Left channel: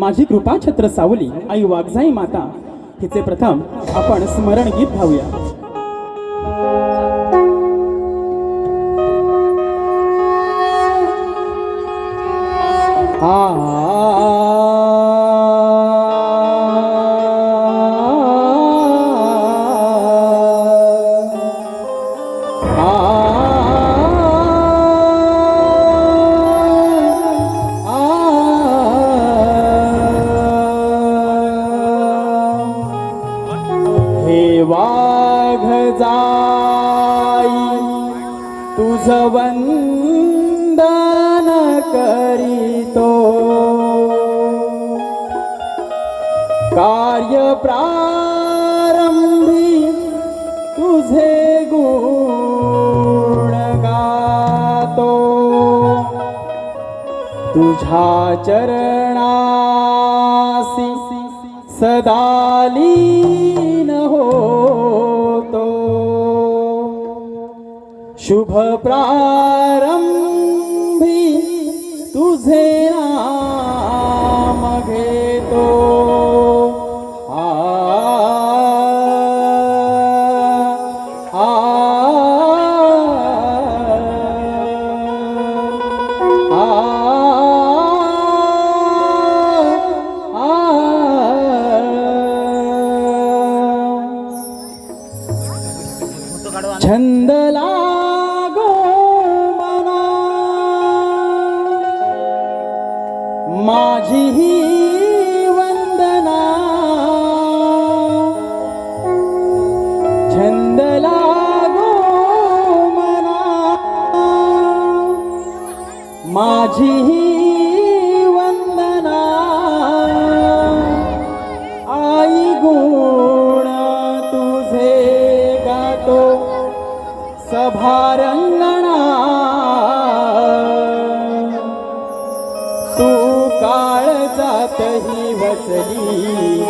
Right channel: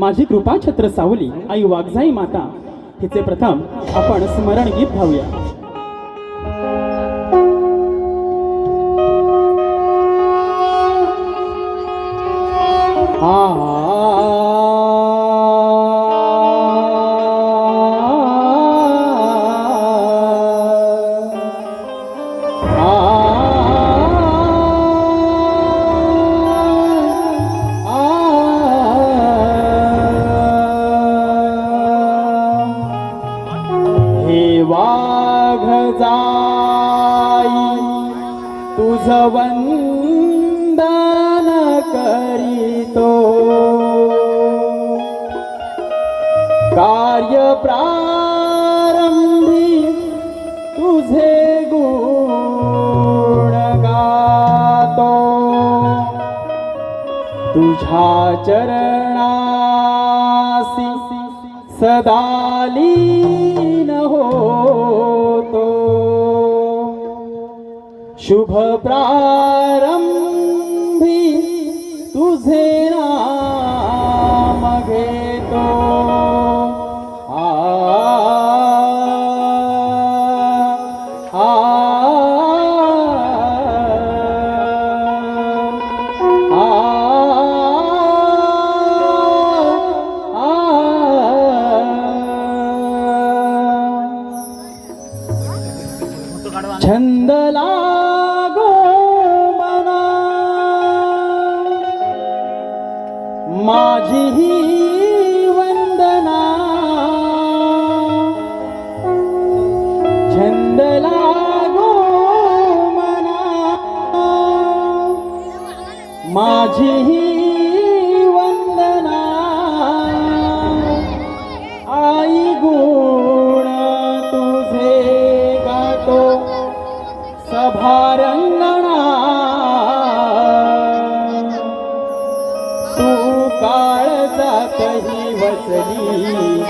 माझी कृपा छत्र सावली आई वाघजाई माता. हिचे प्रथम आपण स्मरण गीत गाऊया. आ हे वाघ जाई तुझ वंदन करीतो. कार्य प्रारंभी तुझे गुण गातो. तुझ्या चरण सदालीन होतो। शुभ प्रारंभी तुझे माझी ही वंदना. छंद गो मना माझी ही जातही वसली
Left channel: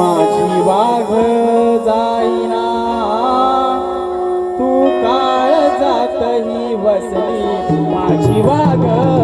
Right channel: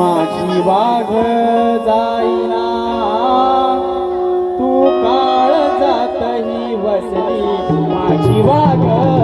माझी वाघ जाईना. तू काळ जातही वसली. माझी वाघ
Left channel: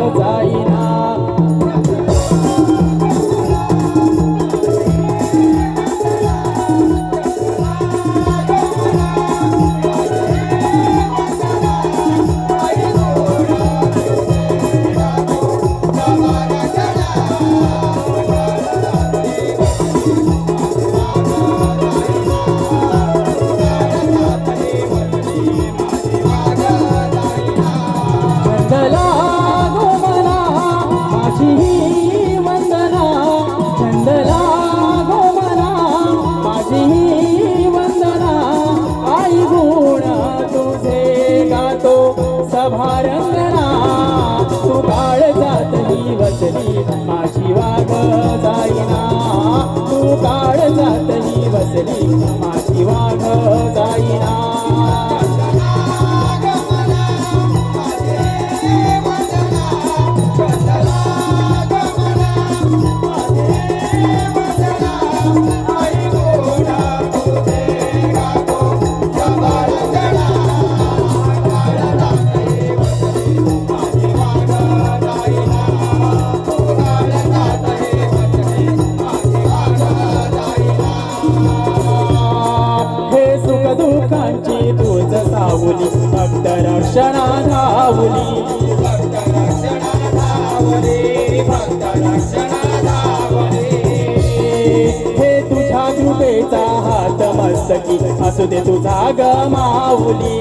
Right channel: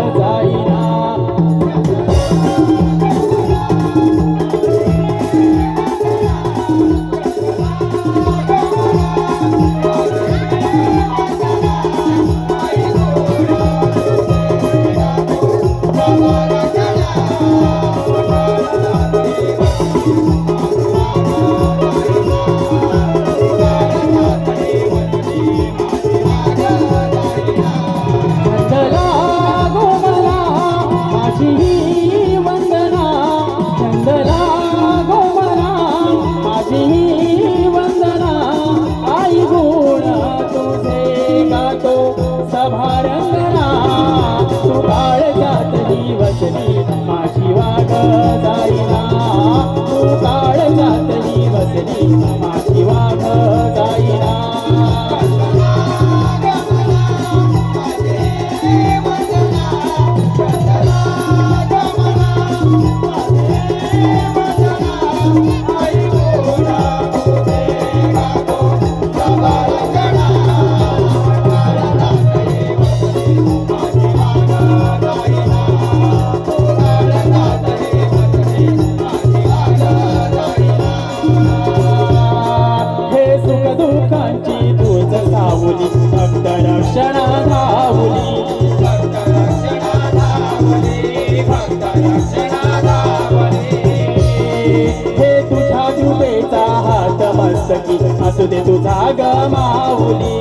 असू दे तुझा गमावली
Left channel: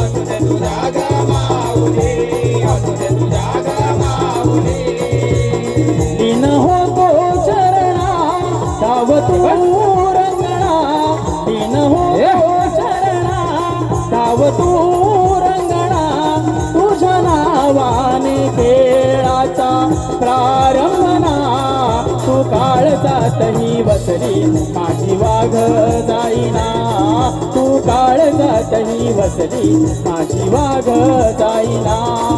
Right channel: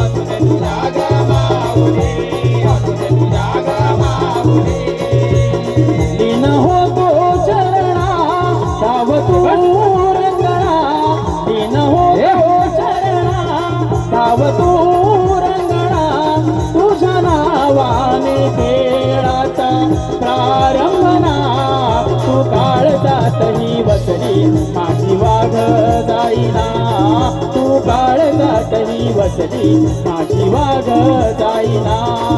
असू दे तुझा गमावली असू दे तुझा गमावली लीन होतो चरणा साव तू रंगणा लीन होतो चरणा साव तू रंगणा तुझ्या नावाने खेळाचा प्रारंभना तू काळ जातही बसली माझी वाघ बसली. माझी वाग जाईना.